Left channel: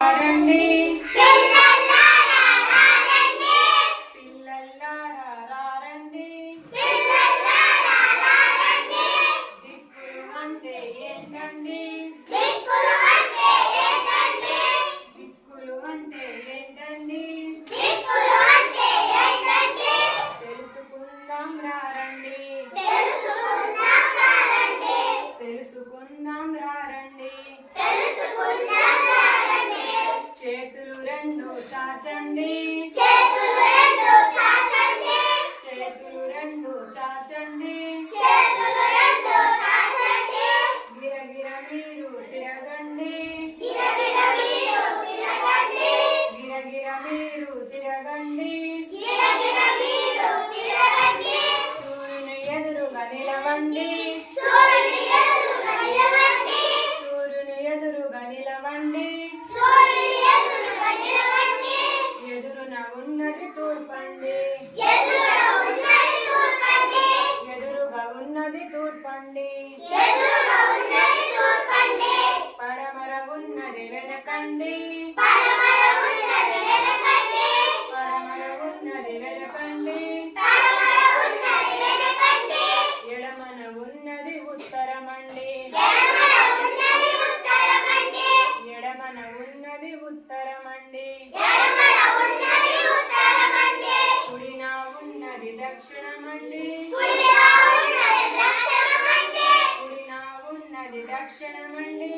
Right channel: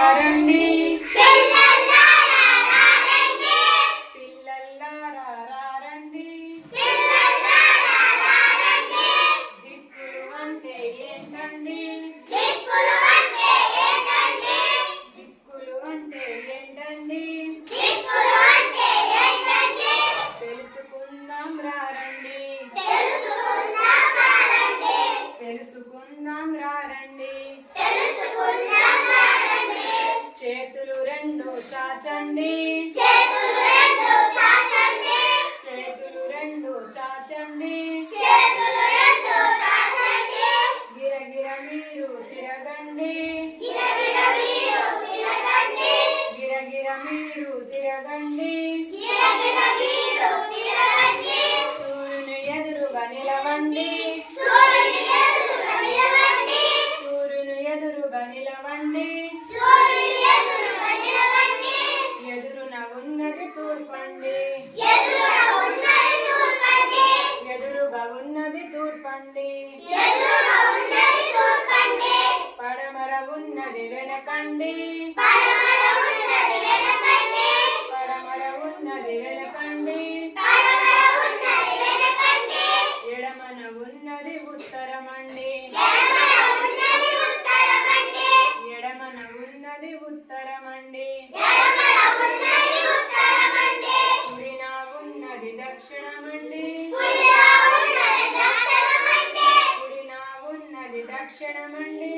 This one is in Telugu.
రండి పిల్లల్లారా రండి. దిక్కులు అంటే ఏంటండి? దిక్కులు అంటే ఏంటండి? తెలుసుకుందాం రండి. తెలుసుకుందాం రండి. చేతులు రెండు చాచండి. చేతులు రెండు చాచండి. గిరగిర మీరు తిరగండి. గిరగిర మీరు తిరగండి. సూర్యుని ఎదురుగా నిలవండి. సూర్యుని ఎదురుగా నిలవండి. ఎదురున ఉన్నది తూర్పండి. ఎదురుగా ఉన్నది తూర్పండి. పడమర ఉన్నది వెనకండి. పడమర ఉన్నది వెనకండి. ఎడమన ఉన్నది ఉత్తరమండి. ఎడమన ఉన్నది ఉత్తరమండి. కుడిన ఉన్నది దక్షిణమండి. కుడిన ఉన్నది దక్షిణమండి.